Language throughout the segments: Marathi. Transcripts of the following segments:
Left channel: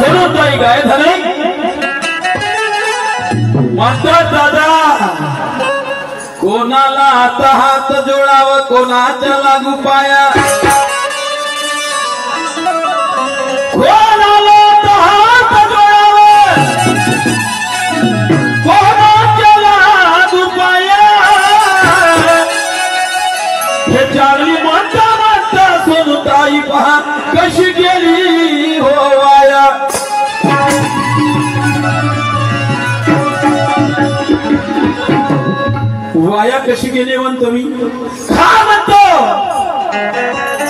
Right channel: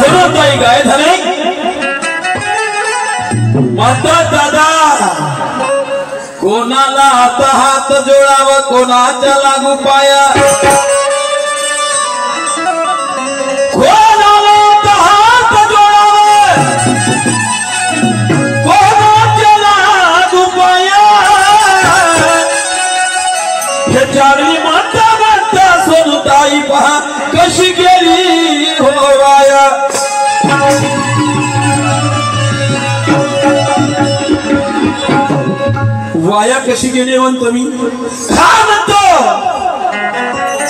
सोनताई गाय धने माता दादा कोणाला आता हात जोडावं कोणाच्या लागू पाया कोणाला आता हात जोडावं कोणाच्या लागू पाया हे चांगली म्हणता म्हणता सोनताई पहा कशी गेली हो वाया वाया कशी गेली म्हणतो मी काय म्हणतो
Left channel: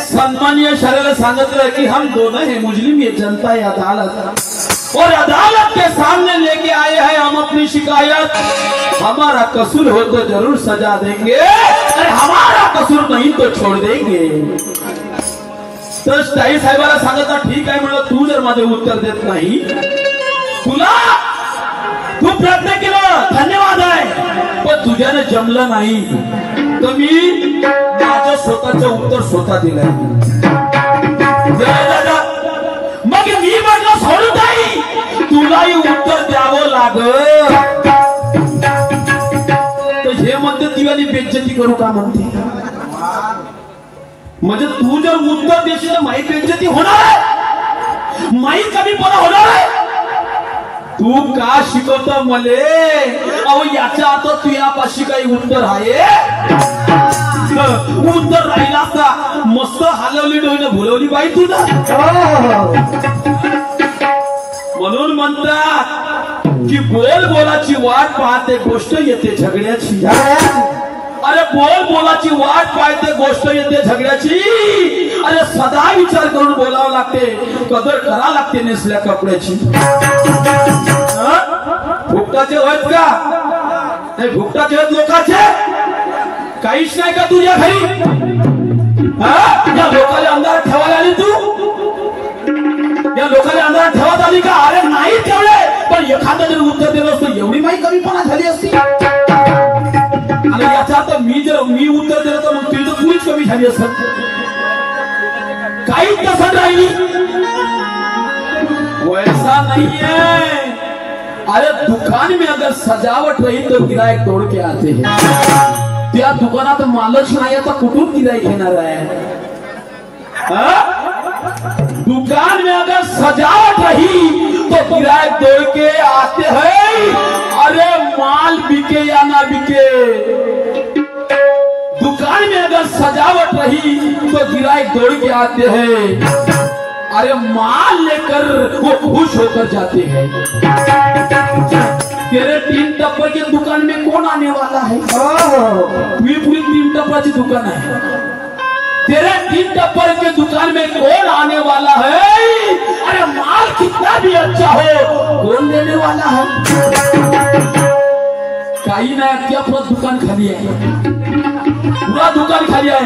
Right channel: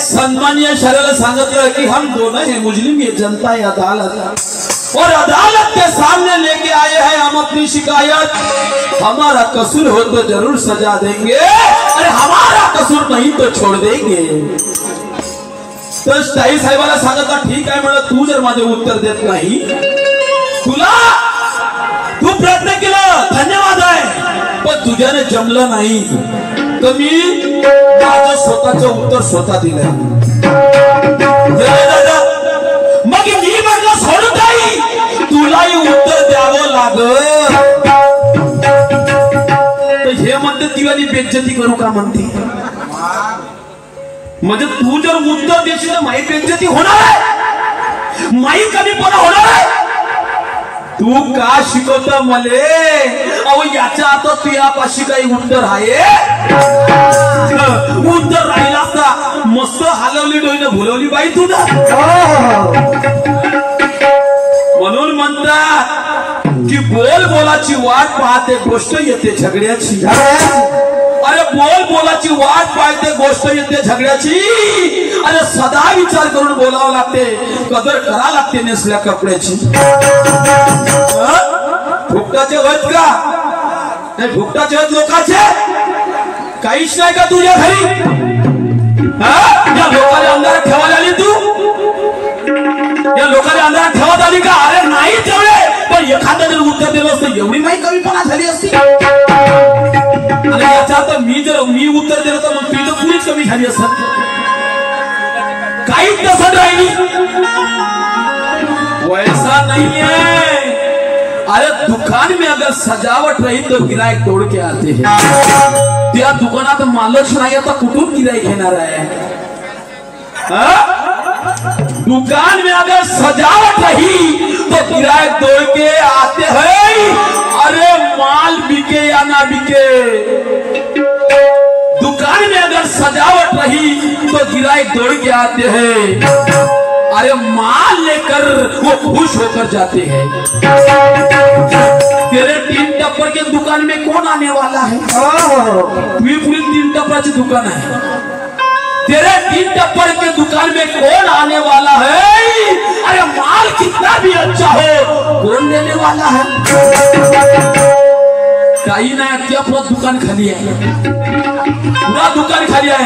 सन्माननीय शरीर सांगितलं कि हम दोनों हैं मुजरिम ये जनता है अदालत और अदालत के सामने लेके आए हैं हम अपनी शिकायत हमारा कसूर हो तो जरूर सजा देंगे अरे हमारा कसूर नहीं तो छोड़ देंगे तो ताई साहेबाला सांगितलं ठीक आहे म्हणलं तू जर माझे उत्तर देत नाही तुला तू प्रयत्न केला धन्यवाद आहे पण तुझ्याने जमलं नाही तर मी माझं स्वतःचं उत्तर स्वतः दिलंय मग मी म्हटलं सोनताई तुलाही उत्तर द्यावं लागल तर हे म्हणते तिवाली बेइज्जती करू का म्हणते म्हणजे तू जर उत्तर देशील तर माई बेइज्जती होणार आहे माई कमीपणा होणार आहे तू का शिकवता मले अहो याच्या आता तुझ्यापाशी काही उत्तर आहे उत्तर राहिला असता मस्त हलवली डोईनं भुलवली बाई तू ना म्हणून म्हणता की बोल बोलाची वाट पाहते गोष्ट येते झगड्याची अरे बोल बोलाची वाट पाहते गोष्ट येते झगड्याची अरे सदा विचार करून बोलावं लागते कदर करा लागते नेसल्या कपड्याची फुकटाचे होत का नाही फुकटाचे होत लोकांचे काहीच नाही का तुझ्या घरी या लोकांना अंधारात ठेवायला आली तू या लोकांना अंधारात ठेवत आली का अरे नाही तेवढे पण एखादं जर उत्तर दिलं असतं एवढी माही कमीपणा झाली असती आणि याचा अर्थ मी उत्तर दिलं तर मग तुझी तर पुरीच कमी झाली असत काहीच तसं राहिली वैसा नहीं है अरे दुकान में अगर सजावट रही तो गिराईक तोड़ के आते हैं त्या दुकानात मालच नाही आता कुठून गिराईक घेणार आहे दुकान में अगर सजावट रही तो गिराईक तोड़ के आते हैं अरे माल बिके या ना बिके दुकान में अगर सजावट रही तो गिराईक दौड़ के आते हैं अरे माल लेकर वो खुश होकर जाते हैं तेरे 3 टप्पर के दुकान में कौन आने वाला है पूरी 3 टप्पर की दुकान है तेरे 3 टप्पर के दुकान में कौन आने वाला है अरे माल कितना भी अच्छा हो कौन लेने वाला है काही नाही क्या पूरा दुकान खाली है पूरा दुकान खाली है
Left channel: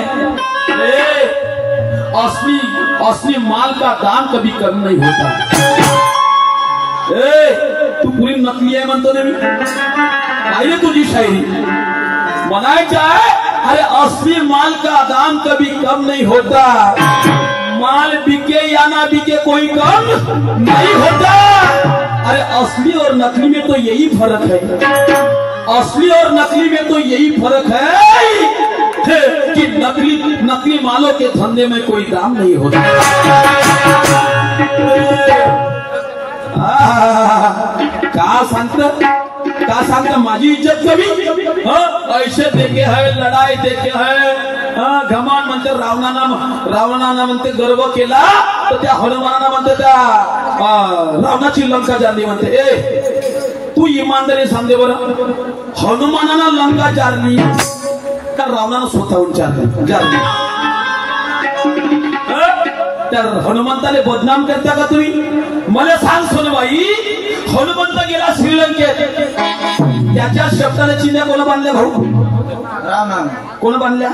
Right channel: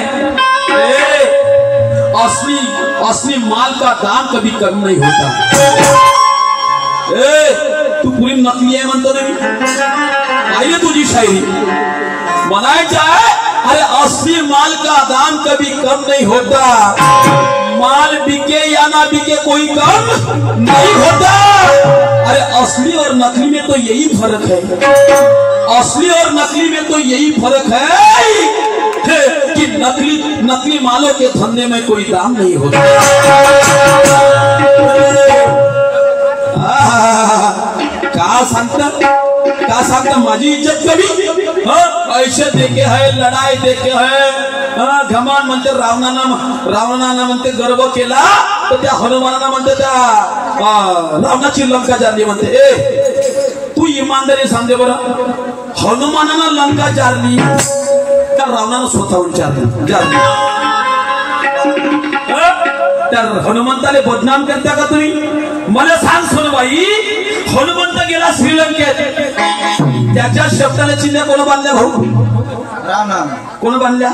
असली माल का दाम कभी कम नहीं होता तू पूरी नकली आहे म्हणतो ना मी पाहिजे तुझी शायरी बनायची आहे अरे असली माल का दाम कभी कम नहीं होता माल बिके या ना बिके कोई कम नहीं होता अरे असली और नकली में तो यही फर्क है असली और नकली में तो यही फर्क है कि नकली मालों के धंधे में कोई दाम नहीं होता का सांगता माझी इज्जत कमी ऐसे देखे है लढाई देखे है घमान म्हणते रावणानं म्हणते गर्व केला तर त्या हनुमानानं म्हणते त्या रावणाची लंका जारली म्हणते तू इमानदारी सांगते बरं हनुमानानं लंका जारली तर रावणानं स्वतःहून जारली तर हनुमंताने बदनाम करता का तुम्ही मला सांग सोनबाई हनुमंत गेला श्रीलंकेत त्याच्या शब्दाने चिन्ह कोण बांधल्या भाऊ कोण बांधल्या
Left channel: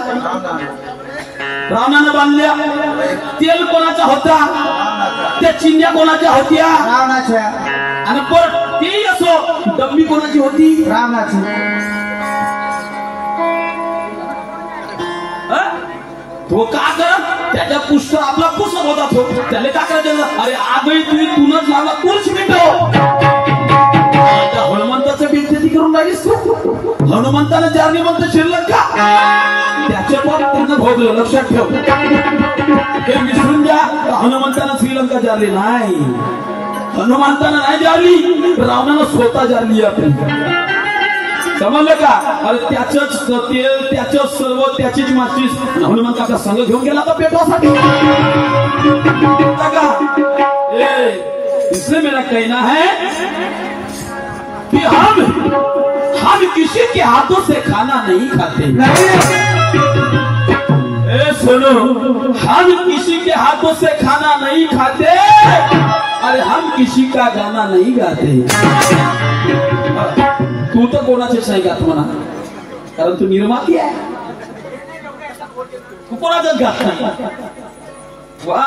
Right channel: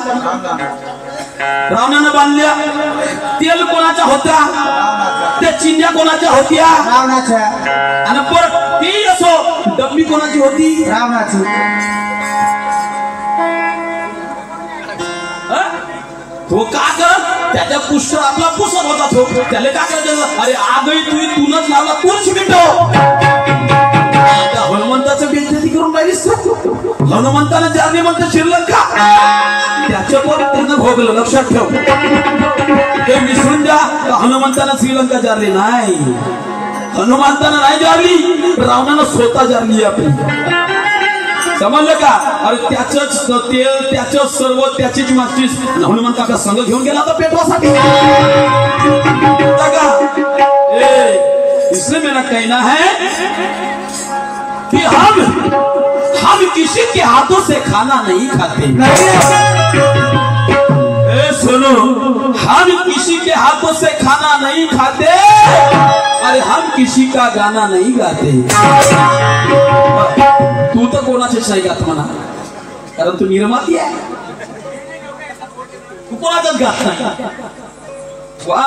रावणानं बांधल्या तेल कोणाचा होता त्या चिन्ह्या कोणाच्या होत्या आणि परत ती असो डब्बी कोणाची होती रावणाची तो का कर त्याच्या पुष्ट आपला पुस्तक होता तो त्याला का करायचं अरे आगही तूच लावला तू हनुमंताने जारली म्हणते श्रीलंका, त्याच्यावर त्यानं भोगलं. लक्षात ठेव, ते विसरून जा. हनुमंतानं श्रीलंका जारली नाही, हनुमंतानं नाही जारली, रावणानं स्वतः जारली आपली. समजलं का? अरे त्याचंच तेल, त्याचंच सर्व, त्याचीच मास्तीस. हनुमंत आपला संघ घेऊन गेला होता पेटवासाठी. इसलिए मेरा कहना है कि हम किसी के हाथों से खाना नहीं खाते. सुनो, हम किसी के हाथों से खाना नहीं खाते. अरे हम किसी का गाना नहीं गाते. तू तर कोणाचेच नाही गात म्हणा, कारण तू निर्माती आहे. तू कोणाचाच गात नाही. वा,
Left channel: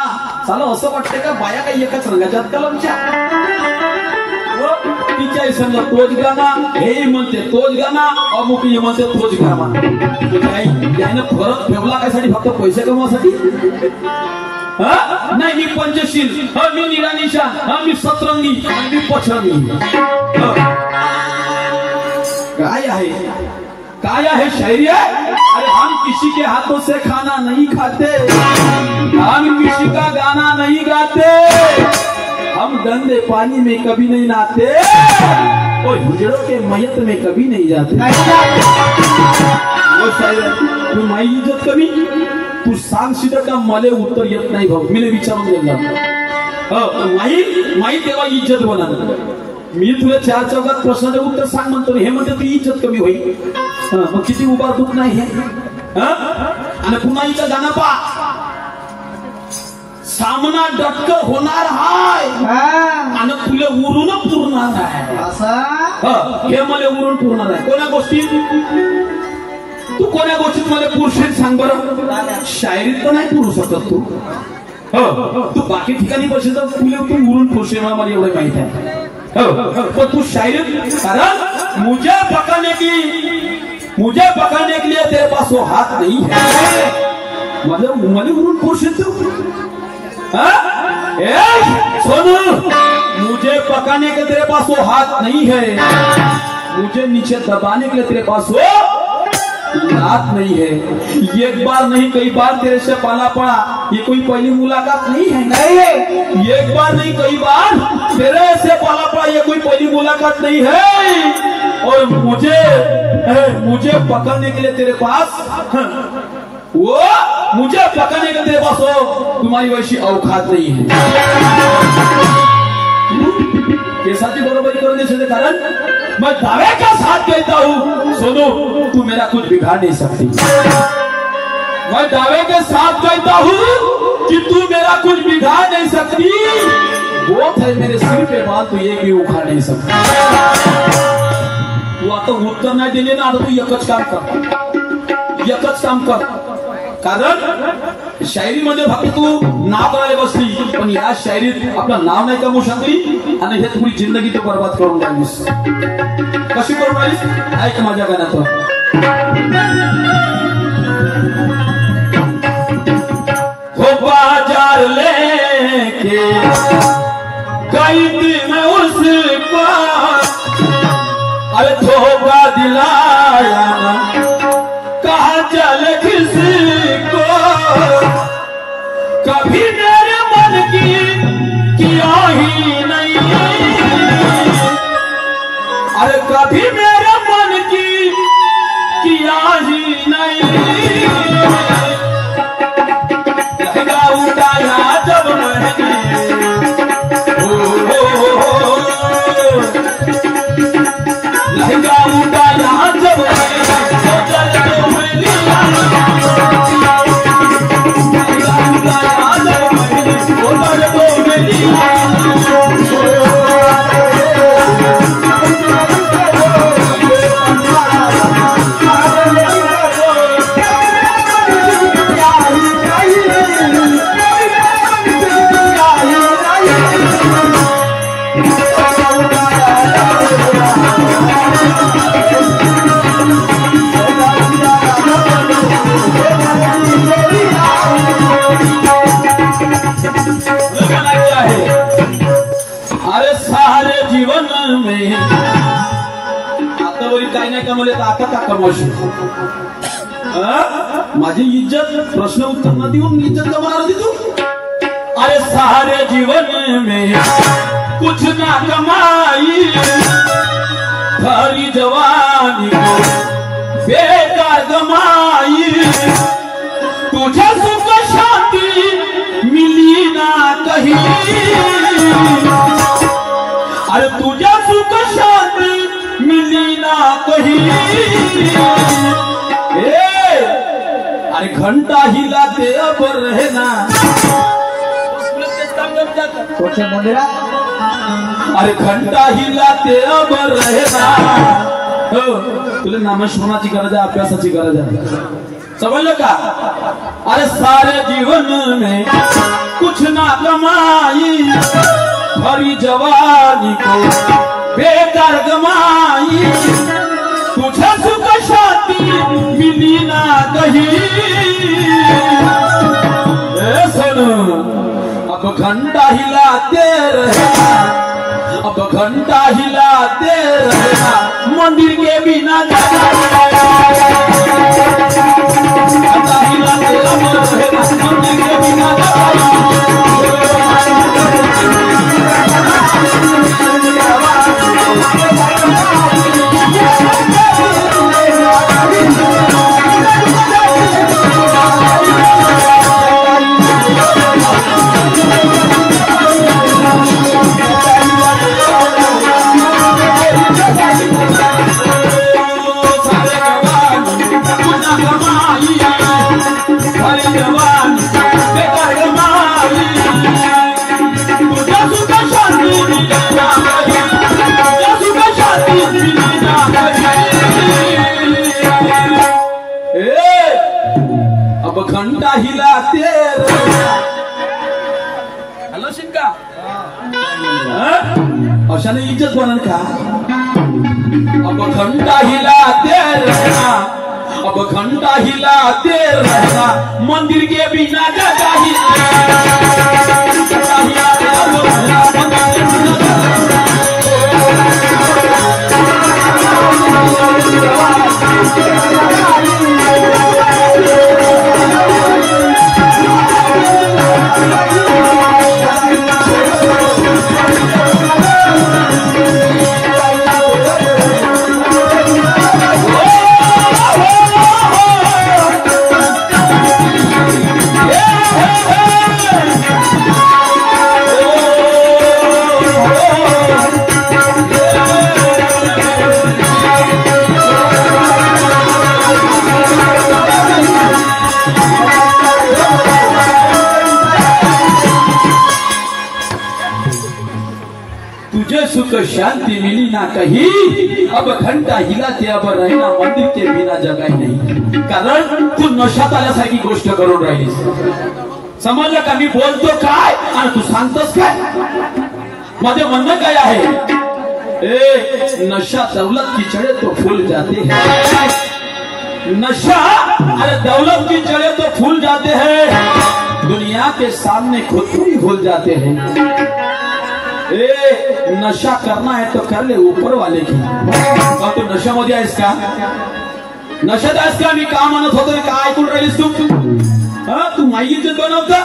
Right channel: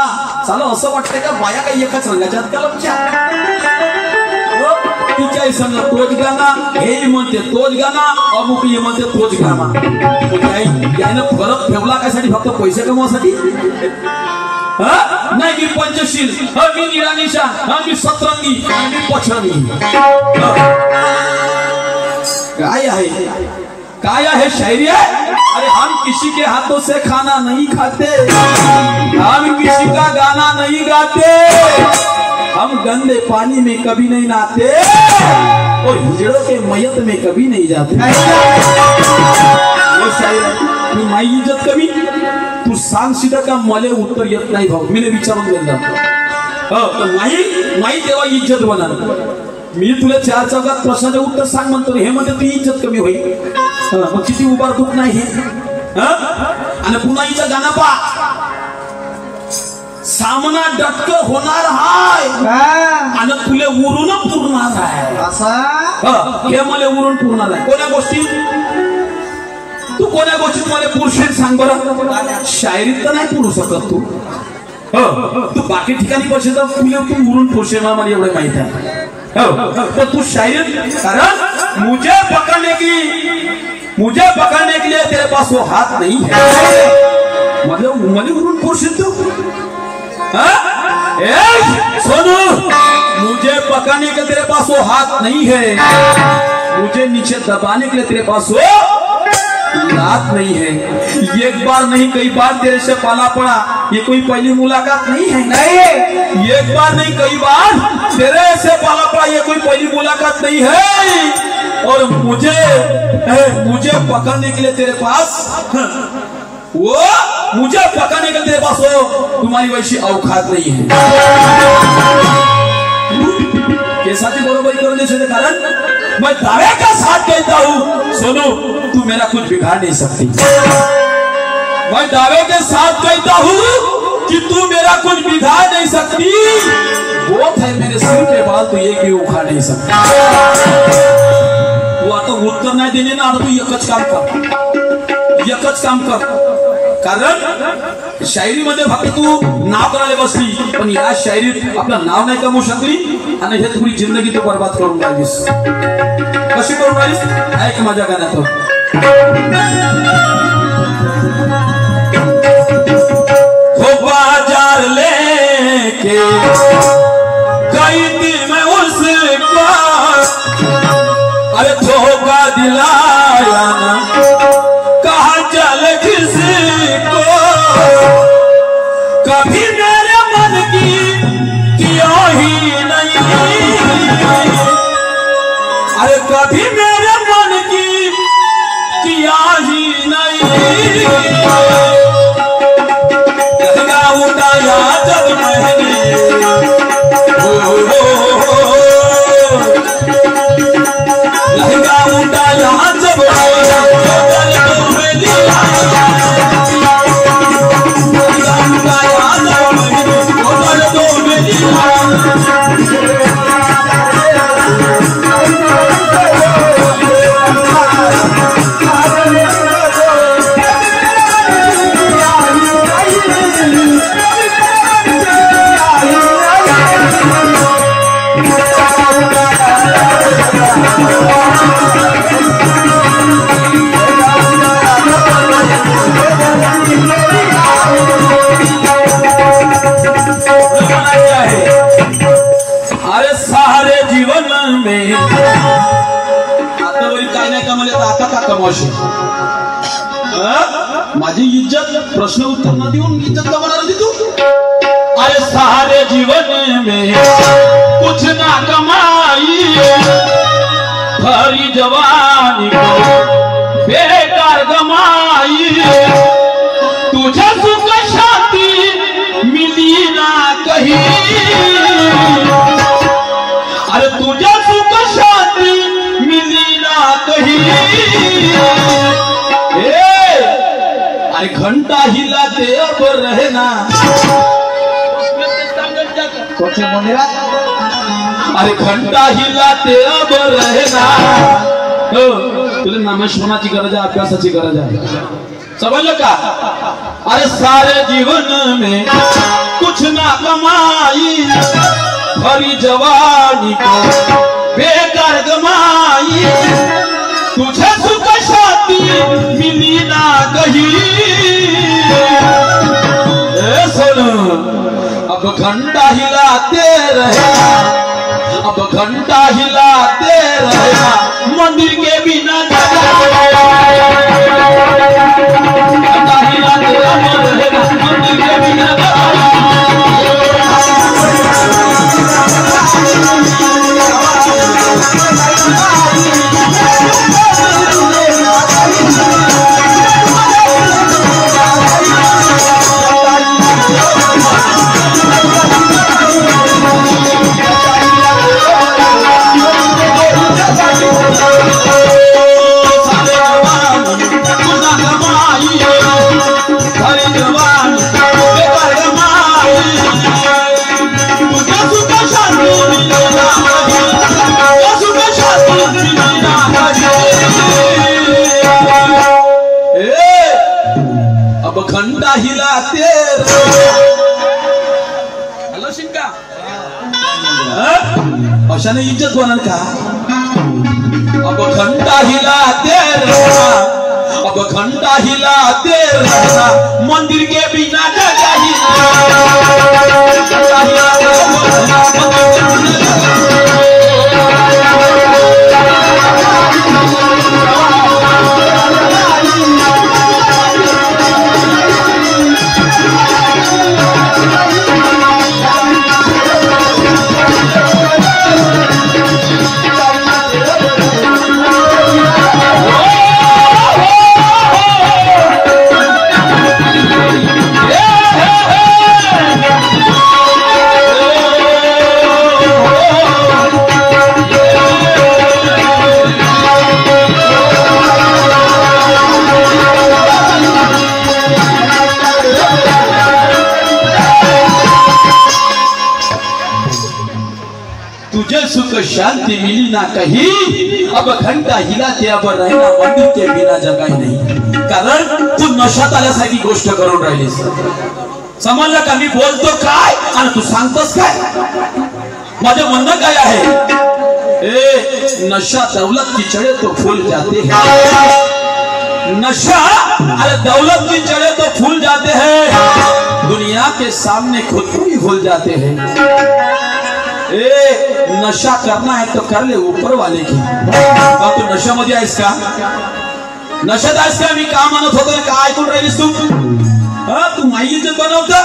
चला असं वाटतंय का बाया काही एकाच रंगाच्या कलमच्या. तिच्या समजा तोच गाणा, हे म्हणते तोच गाणा, अमुक म्हणते तोच गाणा. यानं फरक ठेवला कायसाठी? फक्त पैसे कमवासाठी? नाही, मी पंचशील, मी निरानिशान, मी सतरंगी, मी पचरंगी. काय आहे, काय आहे? शायरी आहे. अरे हम किसी के हाथों से खाना नहीं खाते, हम किसी का गाना नहीं गाते, हम गंदे पानी में कभी नहीं नहाते और हिजड़ों के मयत में कभी नहीं जाते. वो शायर आहे. तू माई इज्जत कमी, तू सांग सीधा का मले उत्तर येत नाही भाऊ. मी विचारून दिलं माई तेव्हा इज्जत बना. मी तुला चार चौकात प्रश्नाचं उत्तर सांग म्हणतो, हे म्हणते ती इज्जत कमी होईल. मग किती उभार दुख नाही हे. आणि पुन्हा हिचं गाणं पा, सामना डटकर होणार हाय आणि तुले उरून पुरणार आहे. हे मला उरून पुरणार आहे. कोण्या गोष्टी? तू कोण्या गोष्टीत मला पुरुषेत सांग बरं. शायरीत तर नाही पुरू शकत तू. तू बाकी ठिकाणी बसेल तर तुले तू उरून पुरुषे मला एवढं माहित आहे. तो तू शायरी, कारण मुझे पकड़ने के लिए तेरे पास वो हाथ नहीं है. मतलब मनी उरून पुरुष तू. सोनू, मुझे पकड़ने के लिए तेरे पास वो हाथ नहीं है, मुझे नीचे दबाने के लिए तेरे पास वो लात नहीं है. एक बार नहीं कई बार तेरे से पाला पड़ा, ये कोई पहली मुलाकात नहीं है. नहीं, एक बार नहीं कई बार तेरे से पाला पड़ा, ये कोई पहली मुलाकात नहीं है. और मुझे पकड़ने के लिए तेरे पास मुझे पकड़ने के लिए तेरे पास वो तुम्हारी वैसी औकात नहीं है. केसाची बरोबरी करून देते, कारण मैं दावे का साथ कहता हूँ. सोनू, तू मेरा कुछ बिगाड़ नहीं सकती. मैं दावे के साथ कहता हूँ कि तू मेरा कुछ बिगाड़ नहीं सकती. बहुत है मेरे सिर पे बाल, तू एक भी उखाड़ नहीं सकती. तू आता उत्तर नाही देणे ना, आता तू एकच काम कर. कारण शायरीमध्ये फक्त तू नाव करायला बसली, पण या शायरीत आपलं नाव नाही कमवू शकली आणि हे तुझी जिंदगी तू बर्बाद करून राहिलीस. कशी करून राहिलीस? ऐक माझ्या गाण्यात. हो बाजार लेके गई थी मैं उसको, अरे धोखा दिलाया ना, कहा चल किसको. कभी मेरे मन की किया ही नहीं, अरे कभी मेरे मन की किया ही नहीं. लहंगा उठाया जब मैंने, लहंगा उठाया जब नाही कमवले तर आता का कमवशील? माझी इज्जत प्रश्न उत्तर न देऊन इज्जत कमवणार होती तू? अरे सारे जीवन में कुछ ना कमाई, भरी जवानी बेकार गमाई, तुझे सुख शांति मिली ना कहीं, अरे तुझे सुख शांति मिली ना कहीं। अरे घंटा हिलाते अब रहना अरे घंटा हिलाते अब रहना। तुला नामस्मरणाची गरज आहे, अभ्यासाची गरज आहे, समजलं का? अरे सारे जीवन में कुछ ना कमाई, भरी जवानी को बेकार गमाई, तुझे सुख शांति मिली ना कहीं। अब घंटा हिलाते रहना, अब घंटा हिलाते रहना, मंदिर के बिना घंटा हिलाते रहना, मंदिर के बिना घंटा हिलाते हॅलो शिंका अशाने इज्जत होणार का? अब घंटा हिलाते रहना, अब घंटा हिलाते रहना, मंदिर के बिना जगह ही तुझे सुख शांति मिली ना कहीं, अब घंटा हिलाते अब रहना, मंदिर के बिना जगह नहीं। कारण तू नशात आल्यासारखी गोष्ट करून राहिलीस, समजलं का? मी बोलतो काय आणि तू सांगतोस काय? माझं म्हणणं काय आहे? ए नशा दौलत की चढ़े तो फूल जाते हैं, नशा अरे दौलत की चढ़े तो फूल जाते हैं, दुनिया के सामने खुद को ही भूल जाते हैं। नशा करना है तो कर ले ऊपर वाले की। तू नशामध्ये आहेस का? नशेत आहेस का? मी का म्हणत होतो का ऐकून राहिलीस तू? तू नाही इज्जत बनवता,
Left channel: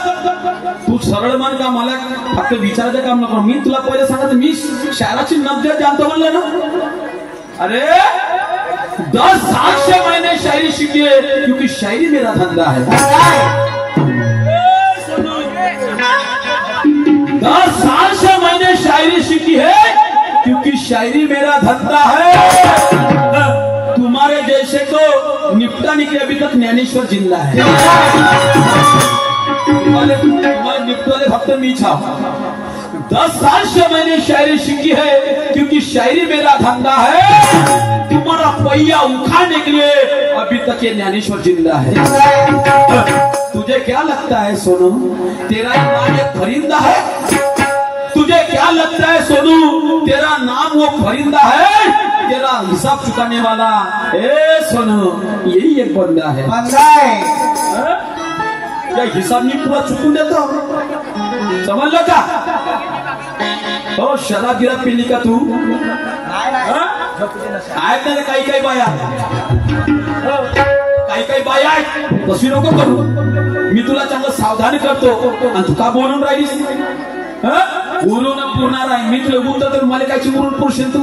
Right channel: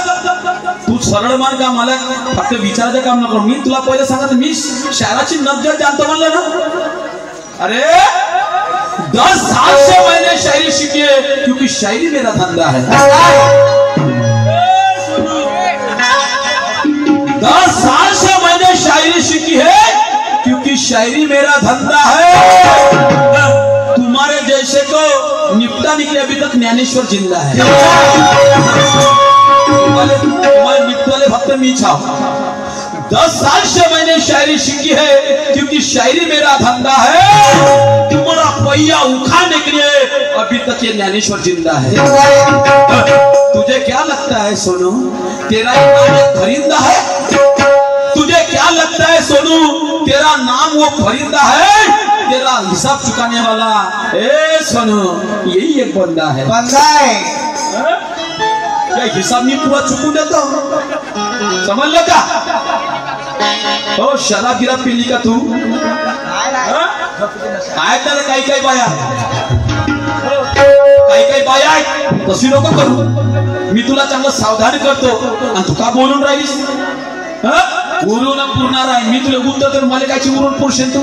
तू सरळ मान का? मला फक्त विचारायचं काम नको, मी तुला पहिले सांगत मी शहराची नब्जत जानतो म्हणलं ना। अरे 10 साल से मैंने शायरी सीखी है, क्योंकि शायरी मेरा धंधा है। 10 साल से मैंने शायरी सीखी है, क्योंकि शायरी मेरा धंधा है। तुम्हारे जैसे को निपटाने के लिए अभी तक ज्ञानेश्वर जिंदा है। तुम्हारे निपटाने भक्त मी छाप। 10 साल से मैंने शायरी सीखी है, क्योंकि शायरी मेरा धंधा है। तुम्हारा पहिया उखाड़ने के लिए अभी तक ये ज्ञानेश्वर जिंदा है। तुझे क्या लगता है सोनू, तेरा नाम एक फरिंदा है? तुझे क्या लगता है सोनू, तेरा नाम वो फरिंदा है, तेरा हिसाब चुकाने वाला? ए सोनू, यही एक बंदा है। बंदा है क्या हिसाब नहीं पूरा चुकून देता? समझ लगा? ओ शराब गिरा पीली का तू आहेत ना काही काही बाया, काही बाया आहेत तशी नको करू. मी तुला चांगलं सावधान करतो आणि तू का बोलून राहिलीस? बोलून पुरणार आहे मी तुला बोलतो तर मला कायची उरून पुरशील तू?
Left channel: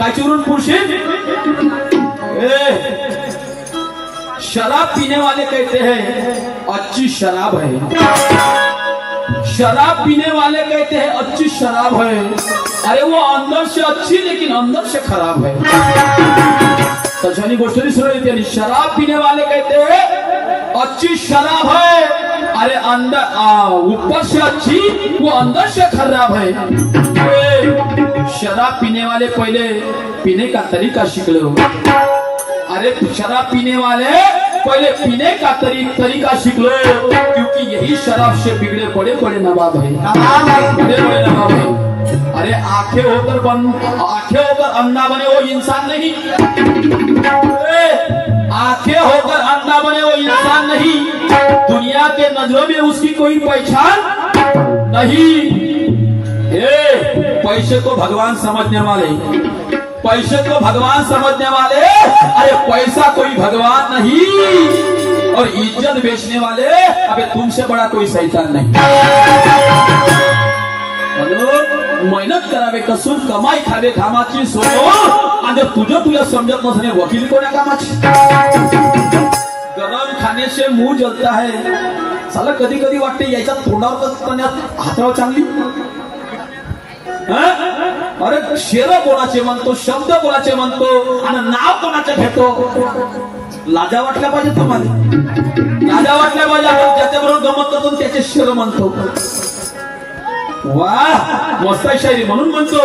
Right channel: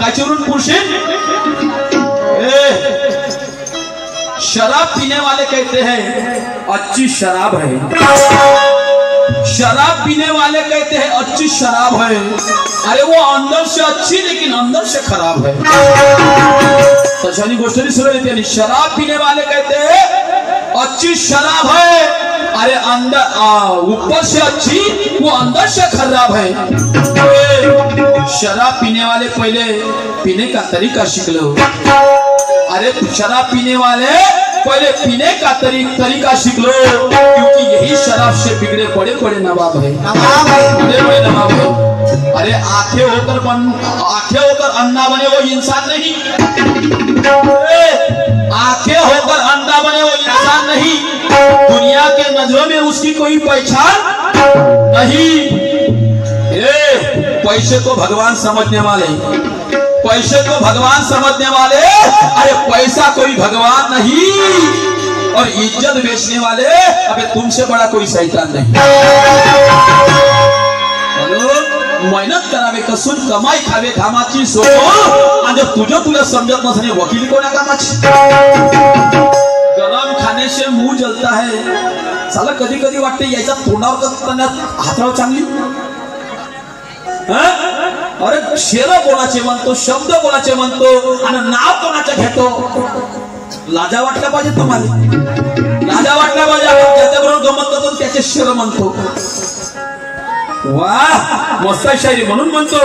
कायची उरून पुरशील? शराब पीने वाले कहते हैं अच्छी शराब है, शराब पीने वाले कहते हैं अच्छी शराब है. अरे वो अंदर से अच्छी लेकिन अंदर से खराब है. तशानी गोष्ट नहीं सुन लेते. शराब पीने वाले कहते हैं अच्छी शराब है, अरे अंदर ऊपर से अच्छी वो अंदर से खराब है. शराब पीने वाले पहले पीने का तरीका सीख लो. अरे शराब पीने वाले पहले पीने का तरीका सीख लो, क्योंकि यही शराब से बिगड़े बड़े बड़े नवाब है, बड़े बड़े नवाब है. अरे आंखें होकर अन्ना बने वो इंसान नहीं, आंखें होकर अन्ना बने वो इंसान नहीं. दुनिया के नजरों में उसकी कोई पहचान नहीं. पैसे को भगवान समझने वाले, पैसे को भगवान समझने वाले, अरे पैसा कोई भगवान नहीं. और इज्जत बेचने वाले, अबे तुमसे बड़ा कोई शैतान नहीं. मेहनत करावे कसून कमाई खावे कामाची सोडो, आणि तुझं तुला समजत नसणे वकील कोणा कामाची. गरम खाने से मुंह जलता है. साला कधी कधी वाटते याच्या तोंडावर हातावर चांगली. अरे शेर कोणाचे म्हणतो, शब्द कोणाचे म्हणतो आणि नाव कोणाचे घेतो. लाजा वाटला पाहिजे तुम्हाला, लाजा वाटला पाहिजे. आपण ज्याच्याबरोबर गमत करतो त्याचे शेर म्हणतो. वाह मस्त शायरी. म्हणून म्हणतो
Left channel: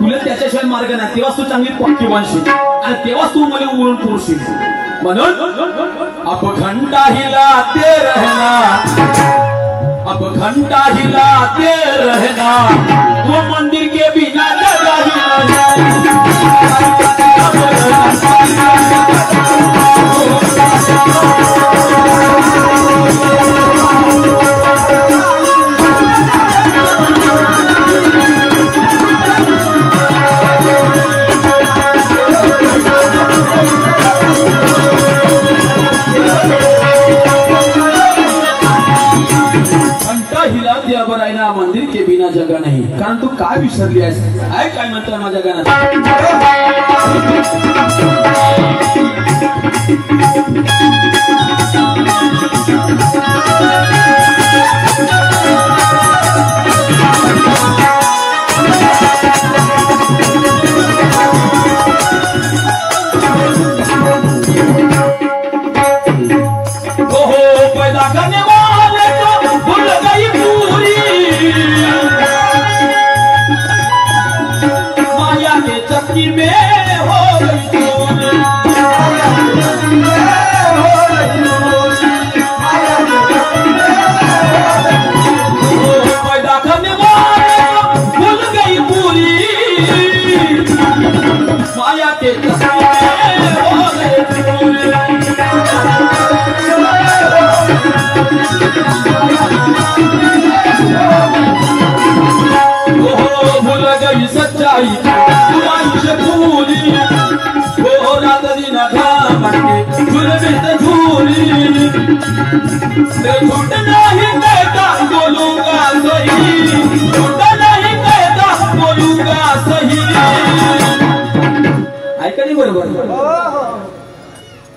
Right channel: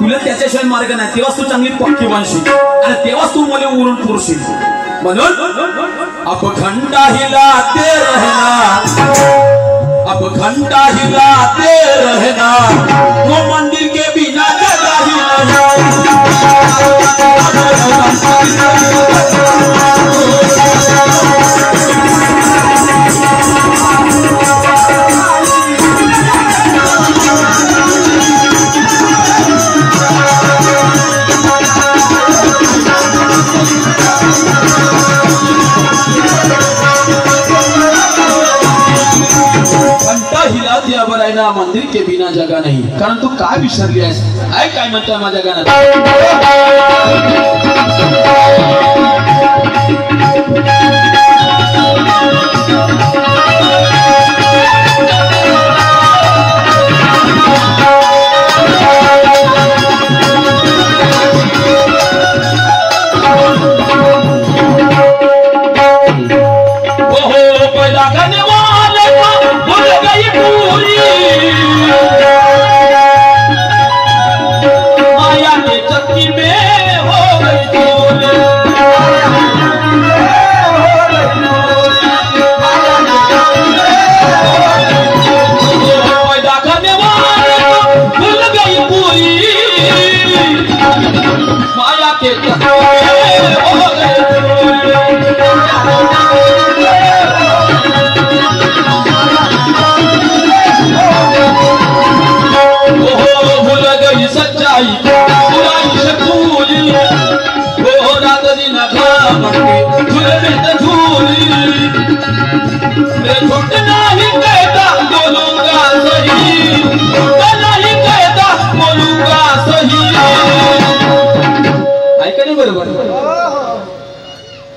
तुला त्याच्याशिवाय मार्ग नाही. तेव्हाच तू चांगली पक्की बनशील आणि तेव्हाच तू मला उरून पुरशील. म्हणून अब घंटा हिलाते रहना, अब घंटा हिलाते रहना, वो मंदिर के बिना जगह ही नहीं. मंदिर के बिना जगह नहीं. कारण तू काय विसरली आहेस? आहे काय म्हणतोय माझ्या गाण्यात?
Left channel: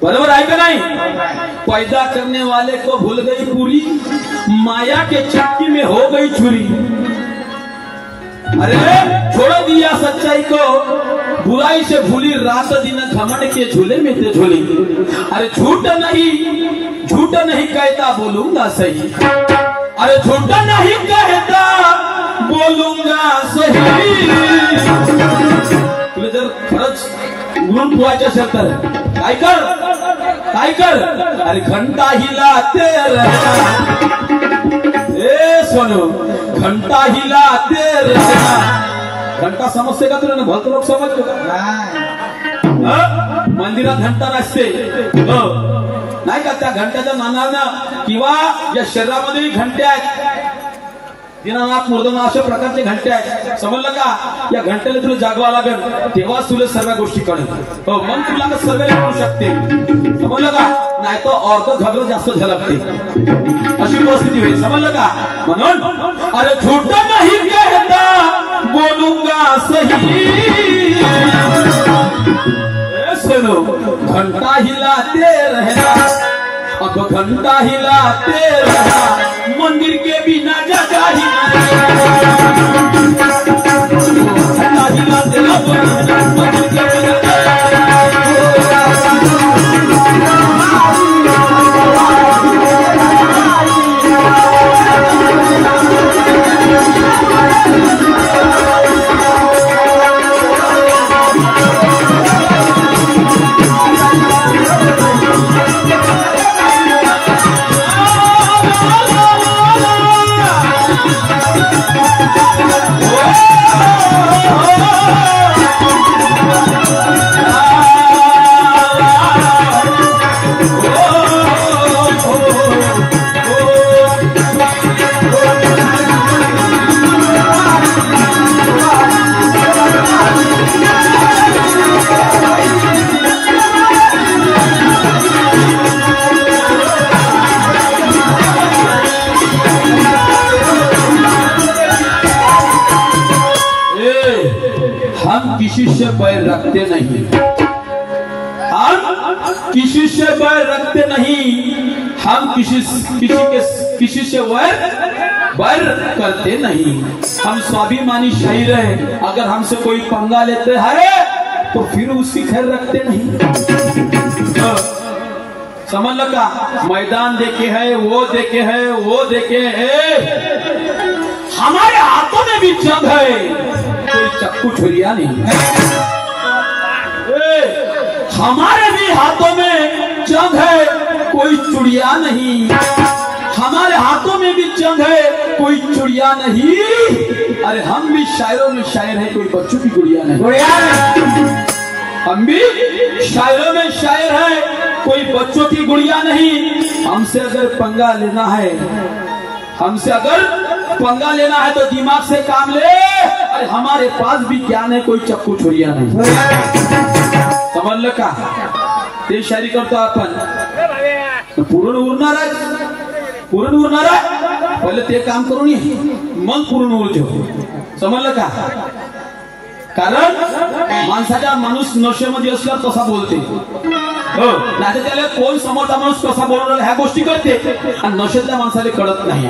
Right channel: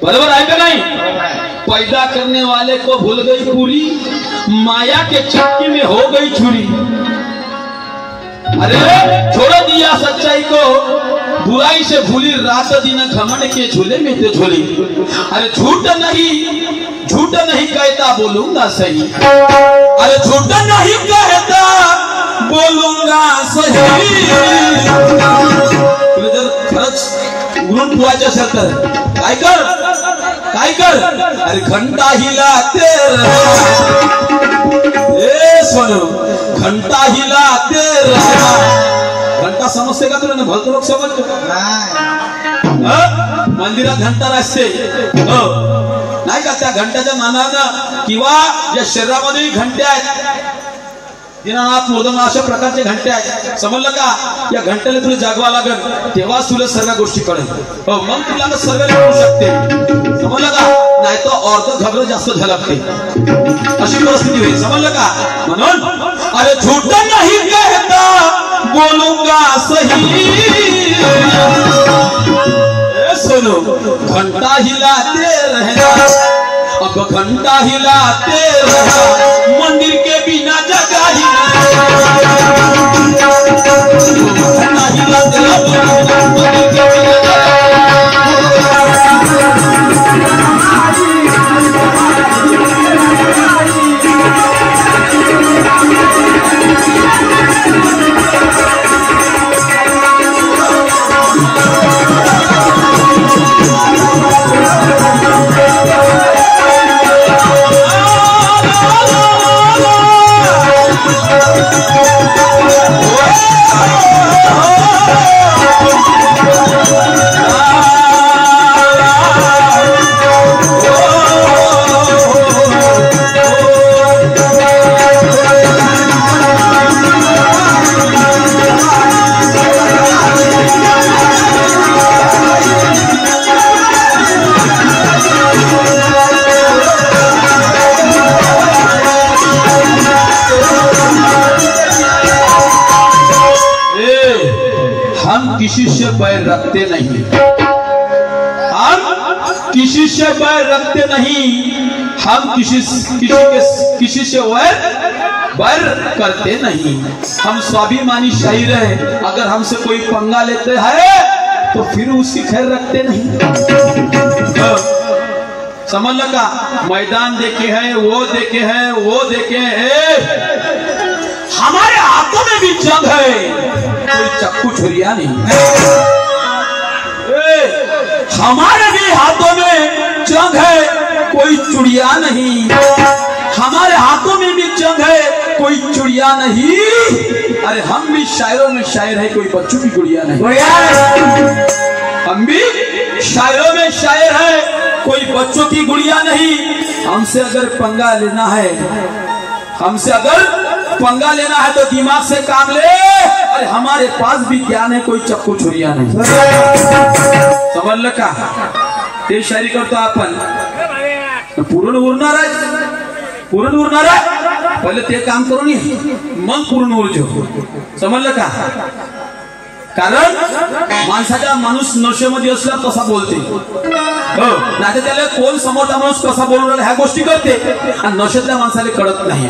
बराबर है कि नहीं? पैदा करने वाले को भूल गई पूरी, माया के चक्की में हो गई चूरी. अरे छोड़ दिया सच्चाई को, बुराई से भूली रात दिन घमंड के झूले में तो झूली. अरे झूठ नहीं कहता बोलूंगा सही, अरे झूठ नहीं कहता बोलूंगा सही. तुला जर खरंच उरून पुरायचं असेल तर काय कर, अरे घंटा हिलाते रहना. सोनू घंटा हिलाते रहना. घंटा समजते का तुला? भलत लोक समजतो मंदिरात घंटा असते नाही का? त्या घंट्याच्या नानानं किंवा ज्या शरीरामध्ये घंट्या आहेत दिनानाथ मुर्दंग अशा प्रकारचे घंटे आहेत, समजलं का? या घंट्याला तुला जागवा लागेल, तेव्हाच तुला सर्व गोष्टी कळेल. हो, मग तुला सर्व कळू शकते, समजलं का? नाही तर अर्ध झगडं जास्त झलकते, अशी परिस्थिती होईल, समजलं का? म्हणून अरे झूठ नाही कहता बोलूंगा सही, सुनो घंटा हिलाते रहना, अब घंटा हिलाते रहना, मंदिर के बिना जगह ही किसी से बैर रखते नहीं, हम किसी से बैर रखते नहीं, हम किसी से बैर करते नहीं, हम स्वाभिमानी शायर है, अगर हमसे कोई पंगा लेते हैं तो फिर उसकी खैर रखते नहीं. समझ लगा? मैदान देखे है, वो देखे है, वो देखे है, हमारे हाथों में भी जंग है, कोई चक्कू छुरिया नहीं है. हमारे भी हाथों में जंग है, कोई चुड़िया नहीं, हमारे हाथों में भी जंग है, कोई चुड़िया नहीं. अरे हम भी शायरों में शायर है, कोई बच्चों की गुड़िया नहीं. हम भी शायरों में शायर है, कोई बच्चों की गुड़िया नहीं. हमसे अगर पंगा लेना है, हमसे अगर पंगा लेना है तो दिमाग से काम ले. अरे हमारे पास भी ज्ञान है, कोई चक्कू छुरिया नहीं. समजलं का? ते शायरी करतो आपण, पुरण उरणार आहे, पुरण उरणार आहे, पहिले ते काम करून ये, मग पुरण उरजो. समजलं का? कारण माणसाचा माणूस नशेमध्ये असला तसा बोलते, हो, नाही तर त्याला कोण समोरचा माणूस कसा बोलून राहिला ह्या गोष्टी कळते, आणि नशेतल्या माणसाला कळत नाही.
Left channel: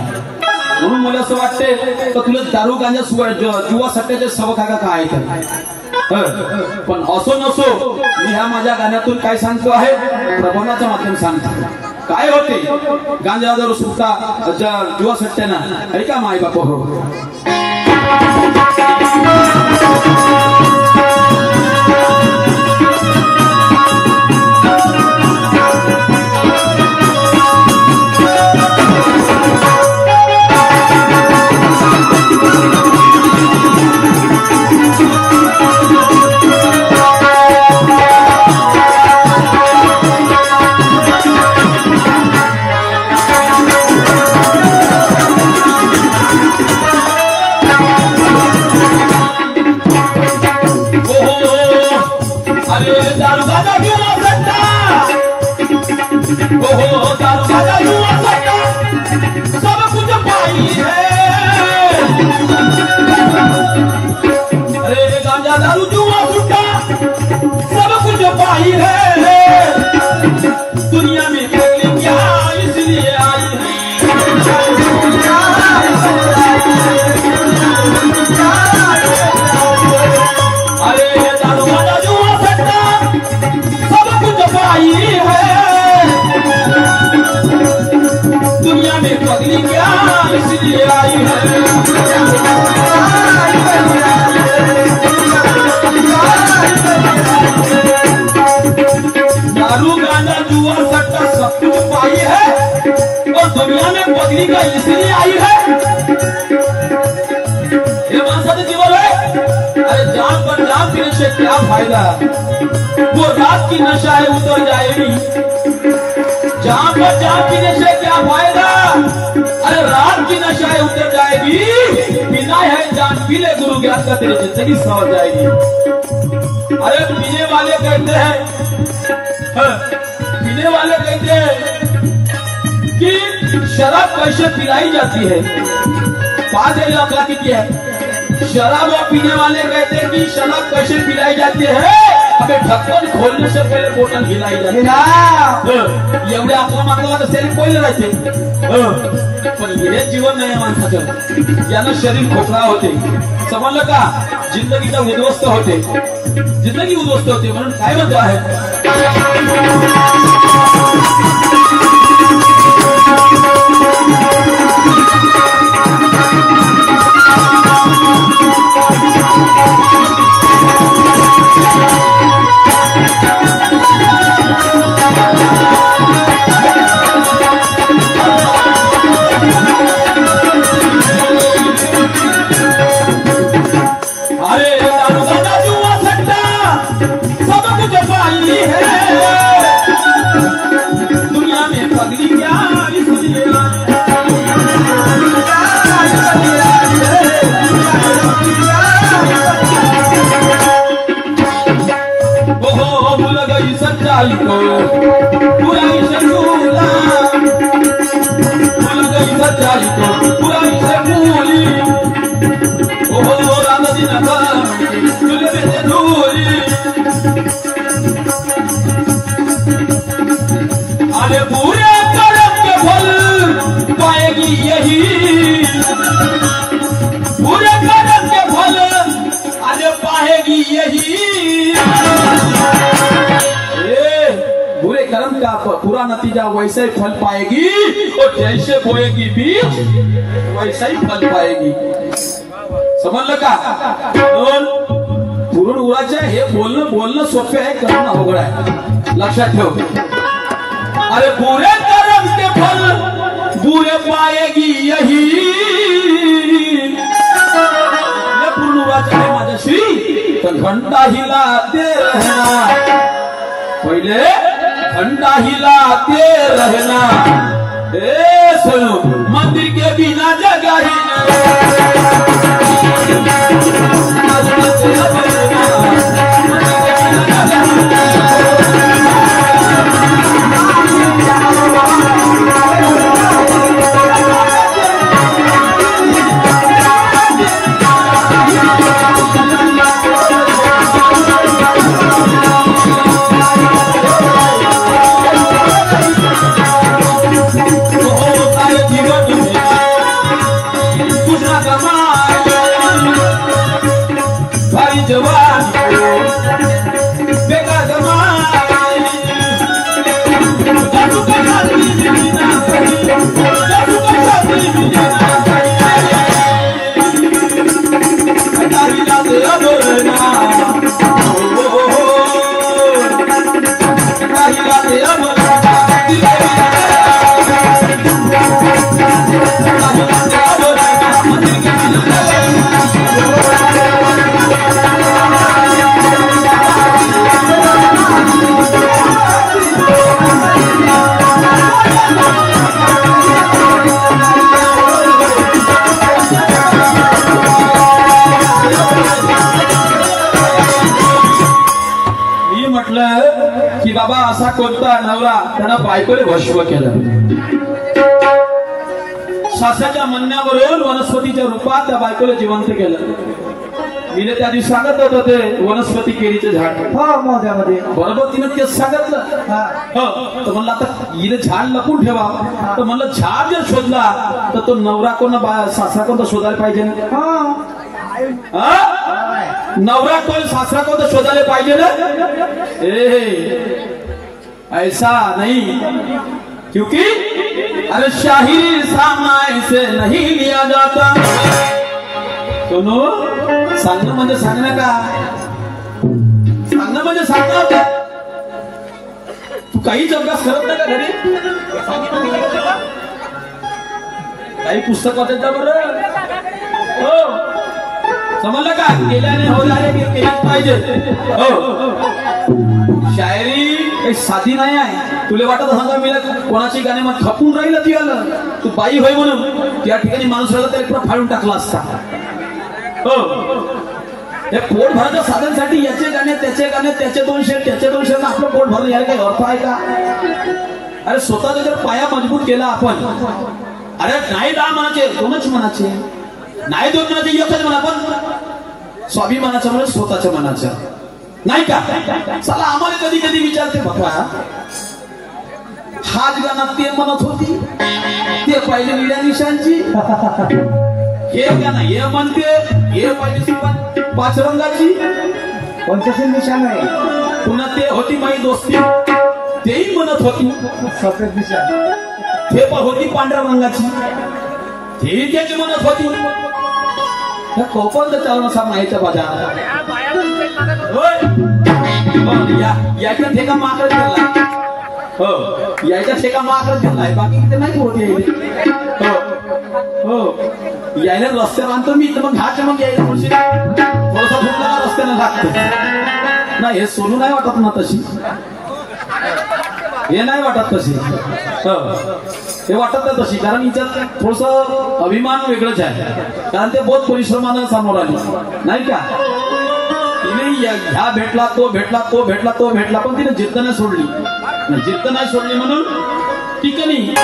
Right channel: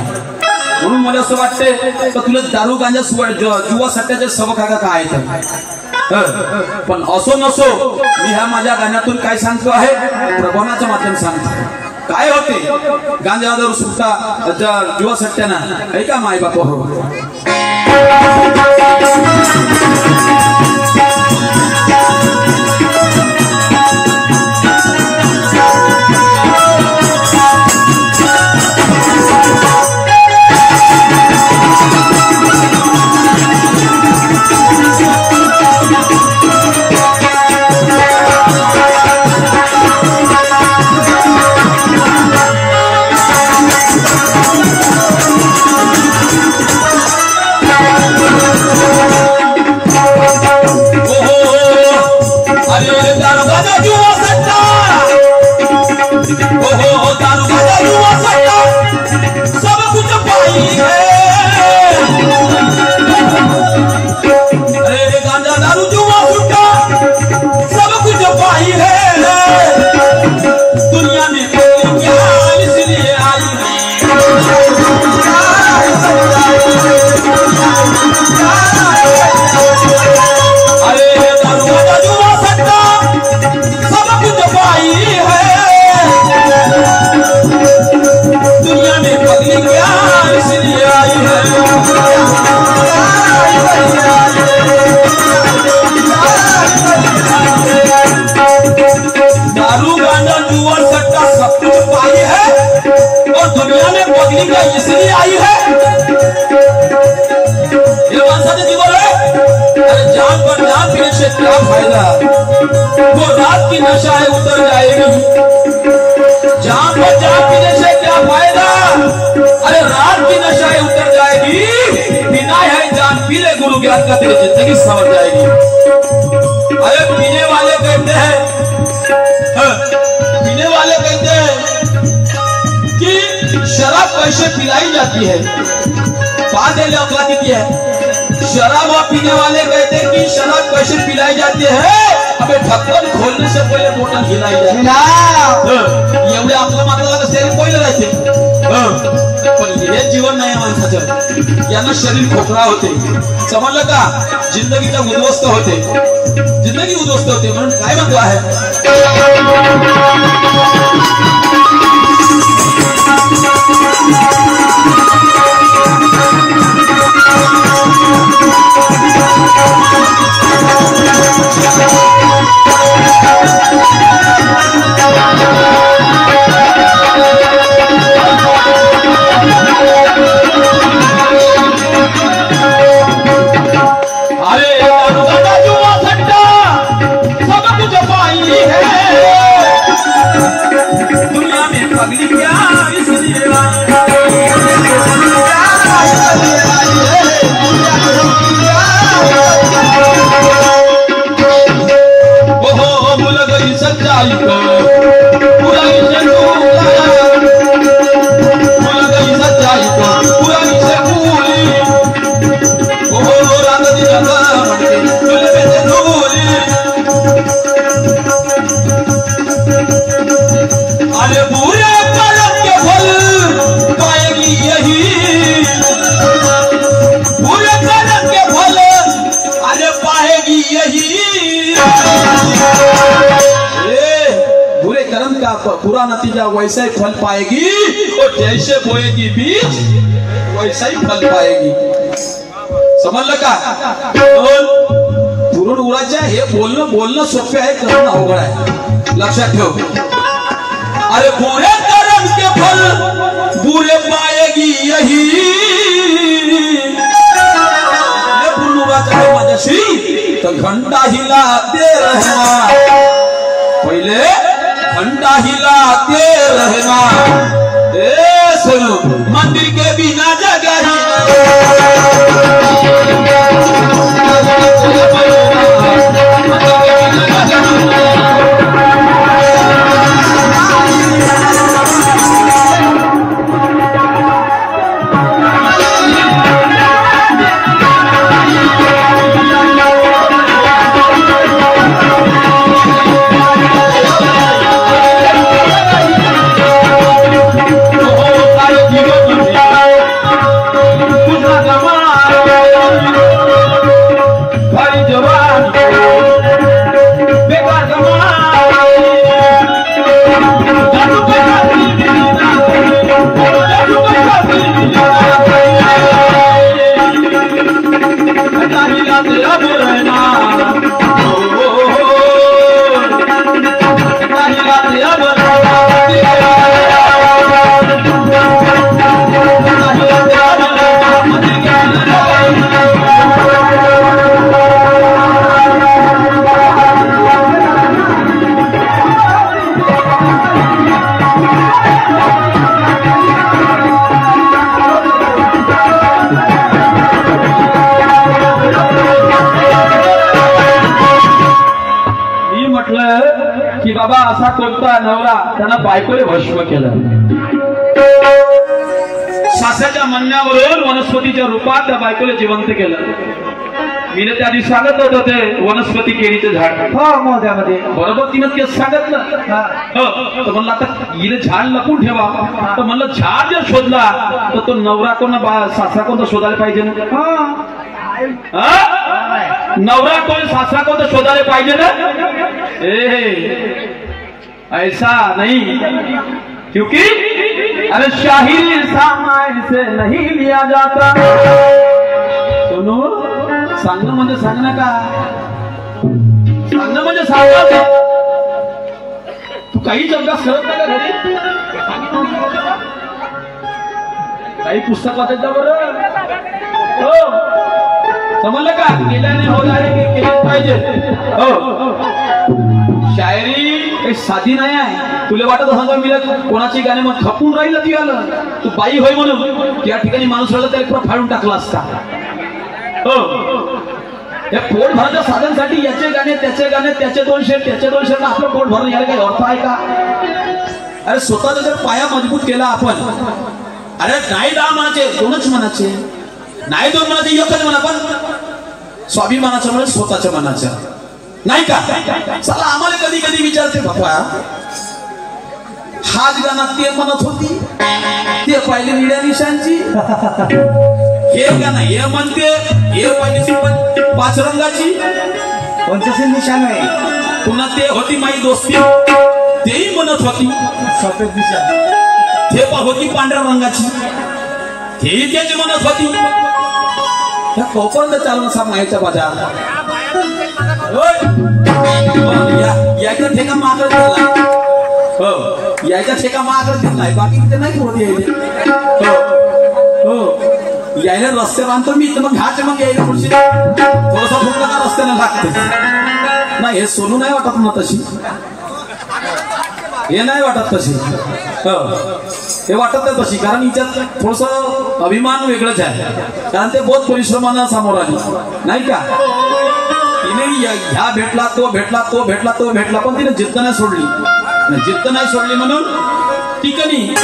म्हणून मला असं वाटते तर तुला दारू गांजा जुवा सट्ट्याचे सबक आहे का काय तर, पण असो नसो मी ह्या माझ्या गाण्यातून काय सांगतो आहे, प्रबोधनाच्या माध्यम सांगतो. काय होते गांजा दारू सुट्टा जुवा सट्ट्याना ऐका माय बाप हो. इसलिए आई है, ये मानसाचे जीवन है. अरे जान पर जान पीने से क्या फायदा, वो रात की नशा है उतर जाएगी. जान पर जान पीने से क्या फायदा, अरे रात की नशा है उतर जाएगी. पी ले गुरु ज्ञान का, तेरी जिंदगी संवर जाएगी। अरे पीने वाले कहते हैं, पीने वाले कहते हैं कि शराब कैसे पिलाई जाती है। बात है अपराधी की है। शराब और पीने वाले कहते हैं कि शराब कैसे पिलाई जाती है, हमें ढक्कन खोलने से पहले बोतल हिलाई जाती है। ये आपला मतलब शरीर पहिले राहते, पण हे जीवन नाही माणसाचं, यानं शरीर खोकला होते, समजलं का? जिंदगीचा उद्ध्वस्त होते, जिंदगी उद्ध्वस्त होते। म्हणून काय म्हणतो आहे, पूरा नतीजा वैसा ही फल पाएगी, और जैसे बोएगी बीज वैसा ही फल पाएगी। समजलं का? पुरून उरायचं हे बोलणं सोपे आहे, करणं अवघड आहे, लक्षात ठेव। अरे बुरे कर्म के फल बुरे पाएगी यही, पुरून उरायचं आहे माझ्याशी तर घंटा हिलाते रहना, पहिले घंटा हिलाते रहना। ए सुनो, मंदिर के बिना जगह ही बाबा असा कोणता नवरा त्यांना बायकोले भस्म केलं, सासाच्या म्हणण्यावरून वनस्पतीच्या रूपात त्या बायकोले जिवंत केलं। मी त्या दिवशी सांगत होतो ते वनस्पती केळीचं झाड, मोहद्यामध्ये बरोबर तिनं ते सांगितलं। तर म्हणलं आता हिने झाड लपून ठेवा, तर म्हणलं झाड जर शोधला तर तो नवरा कोण सासरा कोणता शोधायला पाहिजे ना, नवरा कोण सासरा कोणता शोधायला पाहिजे ना। ऐसा नहीं, क्योंकि अरे शाही सामाय से नहीं लिया जाता। सुनो, सांगणं म्हणजे सांगणं का, सांगणं म्हणजे सांगणं। तू काही अभ्यास करत नाही का घरी? काही पुस्तक वाचायचं बरं, हो समजलं का? केल्याने हो जाणे केलेच पाहिजे। हो, शायरी साधी नाही आहे। तुला वाटत सांगा मी कोणाची गाणे मग खपून राहिलं ती आलं, तू बाई होय म्हणून त्या ठिकाणी माणूस राहिला त्याला फाडून टाकला असता। हो, हे पोट भरण्याच्या साधनसाठी याचे गाणे त्याचे 200 त्याचे 200 आपलं पोट भरून यायला काही अर्थ आहे का? अरे स्वतःचा जर पाया मजबूत केला आपण, अरे नाही 10 म्हणायचे 2च म्हणायचे, नाही 2 म्हणायचे 1च म्हणा, पण स्वाभिमानाच्या मुळे स्वतःच्या मनाच्या नाही का? चला आम्हाला कधी कधी विचारते बाबा, हाच गाणं ते म्हणत होती ते पाहिले निळ्या निशांची, हे गाणं हे म्हणते हे पाहिजे 5 रंगाची पंचशील निशाण आहे, पुन्हा ते होती माई दोस्ती तेही म्हणत होती सफेद निशाण, ते पण होती पांढऱ्या रंगाची तेही त्याची म्हणत होती. कोपर्यंत चालू असा माईच्या बाजार यायचा ठेका माकडच दिला, हो यायचा ठेका माकडच दिलाय, बाकी तिथे नाही होती. हो यायला रस्त्यावर आणतो मी, तर मग घाट मग यायला पुढची थोडासा फुटला का रस्त्यानं लागते. नाही हे सोनू नाही वाटत ना तशी, हे नाही वाटत तशी, हे वाटत नाही तशी, कारण हिच्यात थोडस अभिमान वेगळंच आहे, कारण ते बहुत परिश्रमानं समोर आली नाही का? तिने ह्या भेटला तो भेटला तो भेटला तो भेटला, पण तिने जिद्द नाही सोडली म्हणून ठिकाणी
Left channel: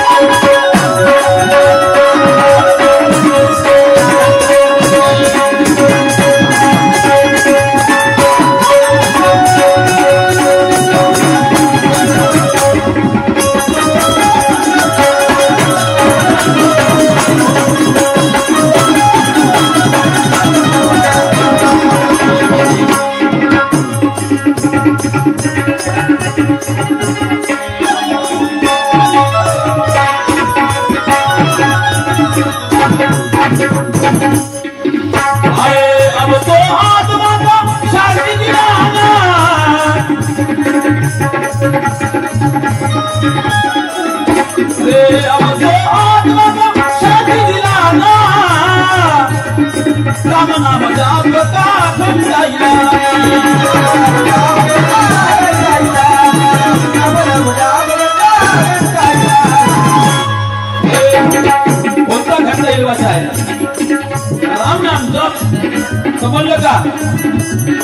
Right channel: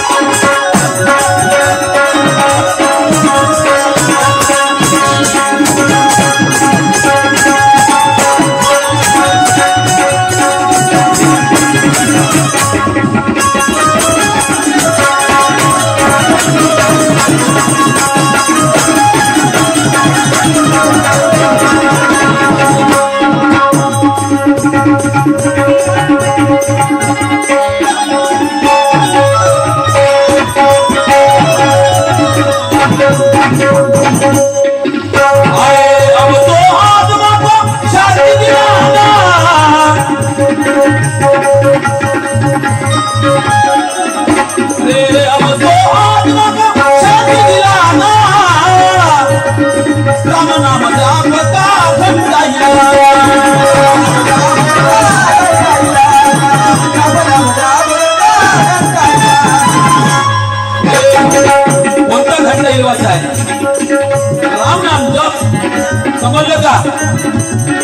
समजलं का?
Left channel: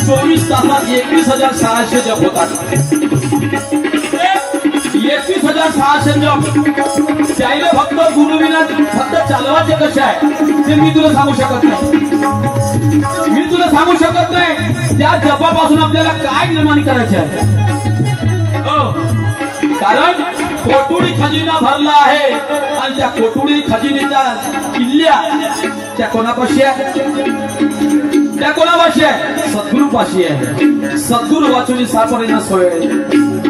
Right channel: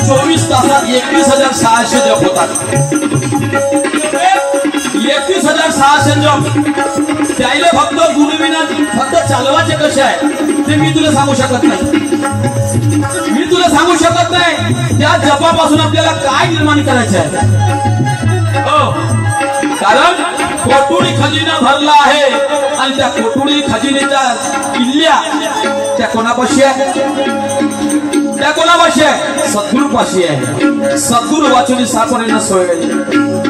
24 तासात 21,600 जप होतात. 21,600 जप त्याला फक्त गुरुविना फक्त चालवायचे कसे आहे ते मी तुला सांगू शकत नाही. त्या जपापासून आपल्याला काय निर्माण करायचे आहे? हो, कारण कोटुडी खजिना भरला आहे आणि त्या कोटुडी खजिनेच्या किल्ल्या त्या कोणापाशी आहे? त्या कोणापाशी आहे? सद्गुरूपाशी आहे. सद्गुरू वाचून सापडणे सोय.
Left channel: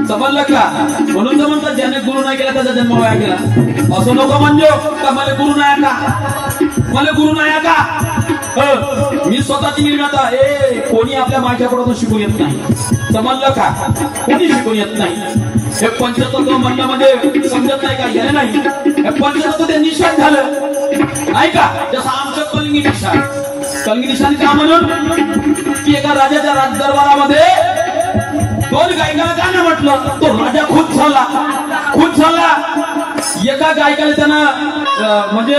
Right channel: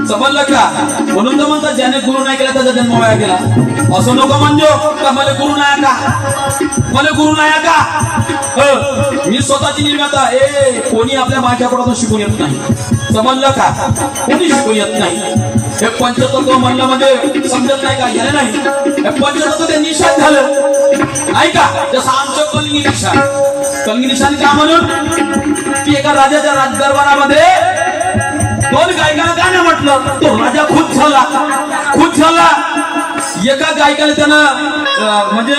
समजलं का? म्हणून तर म्हणतात ज्याने गुरु नाही केला त्याचा जन्म वाया गेला. असं नको म्हणजे का मला गुरु नाही का? मी स्वतःची निर्माता. कोणी आपल्या माझ्याकडून शिकून येत नाही. समजलं का? कोणी शिकून येत नाही. हे पंचतत्व म्हणलं म्हणजे समजत नाही का? याने नाही. हे पंचतत्व ते निशाण झालं नाही का? जसं आमचं कलगी निशाण का म्हणून की एका राजाच्या राजदरबारामध्ये 2 गायकांना गाणं म्हटलं. तो राजा खुश झाला. एका गायकाला त्यानं म्हणजे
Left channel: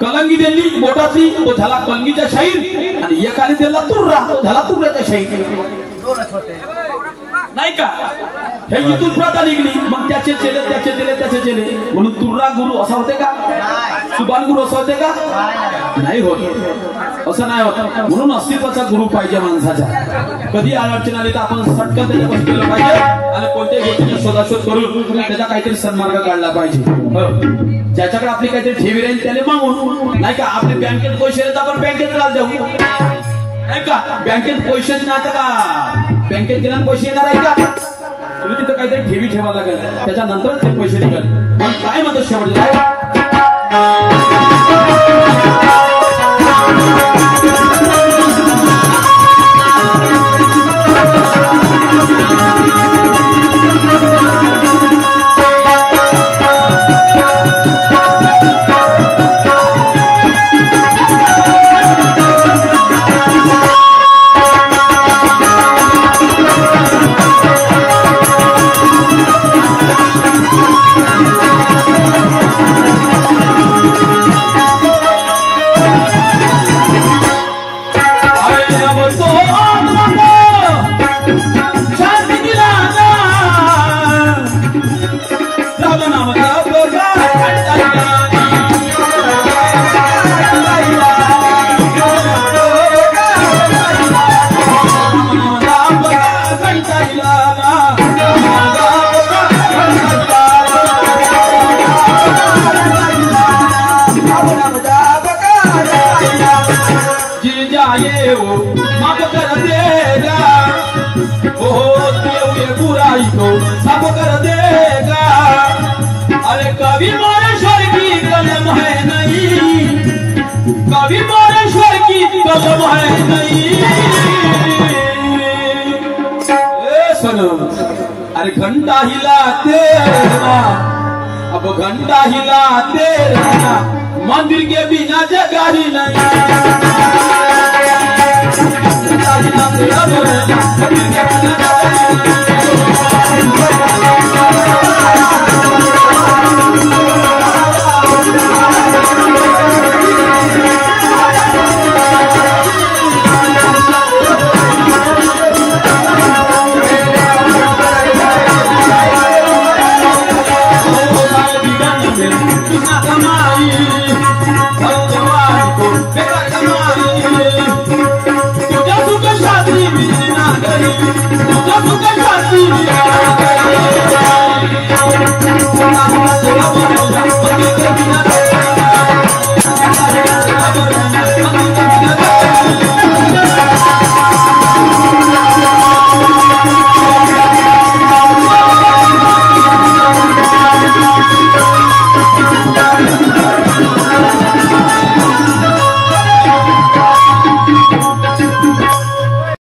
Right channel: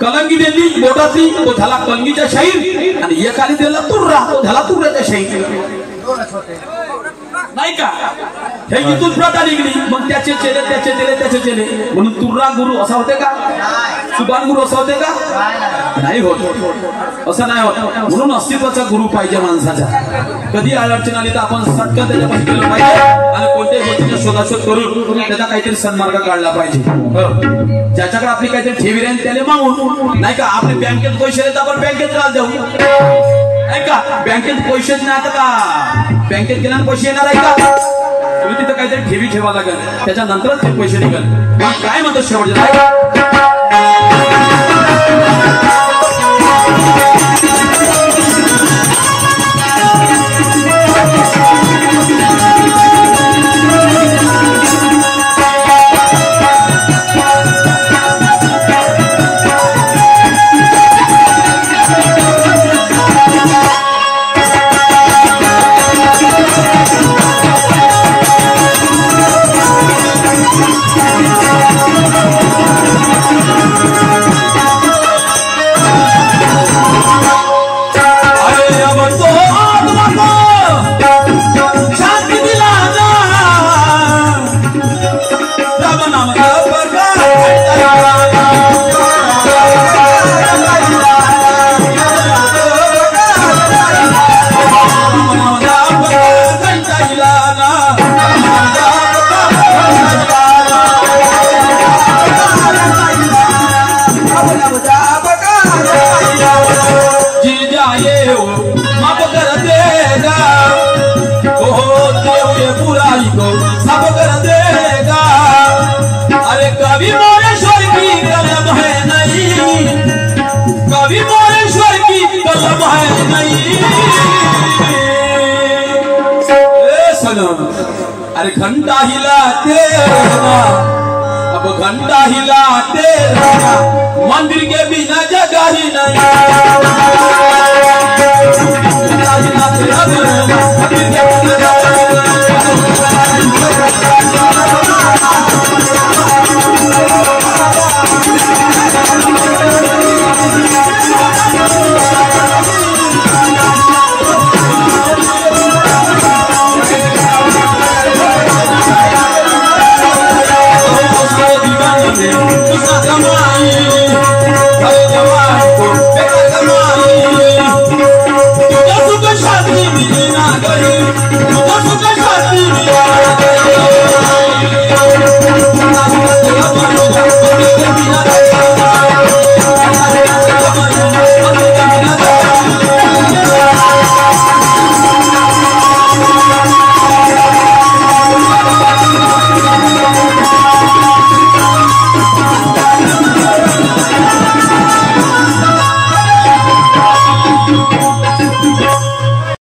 कलंगी दिली बोटातली, तो झाला कलंगीच्या शाहीर, आणि एकाने दिला तुर्रा, तो झाला तुर्राच्या शाहीर नाही का? हे इथून प्रथा निघली. मग त्याचे चेले म्हणून तुर्रा गुरु असा होते का? सुभान गुरु असा होते का? नाही होत. असं नाही होत. म्हणून अस्तित्वाचा गुरु पाहिजे माणसाचा. कधी अडचण आली तर आपण सटकन त्याच्यापाशी गेलं पाहिजे आणि कोणत्याही गोष्टीचा शोधाशोध करून त्याचा काहीतरी सन्मार्ग काढला पाहिजे. ज्याच्याकडे आपली काहीतरी ठेवी राहील त्याला मागून नाही का? आपले बँकेत पैसे आहेत आपण बँकेत राहत जाऊ नाही का? बँकेत पैसे नाही का? बँकेत गेल्याने पैसे येणार आहे का? तुम्ही तिथं काहीतरी ठेवी ठेवा लागेल, त्याच्यानंतरच ते पैसे निघेल. काय म्हणतो शेवटचे? माफ कर देगा, होते हुए बुराई को सब कर देगा। अरे कभी मोरेश्वर की कलम है नहीं, कभी मोरेश्वर की कलम है नहीं। सनम अरे घंटा हिलाते रहना, अब घंटा हिलाते रहना, मंदिर के बिना जगह ही नहीं। घंटा हिलाते रहना, मंदिर के बिना जगह ही नहीं।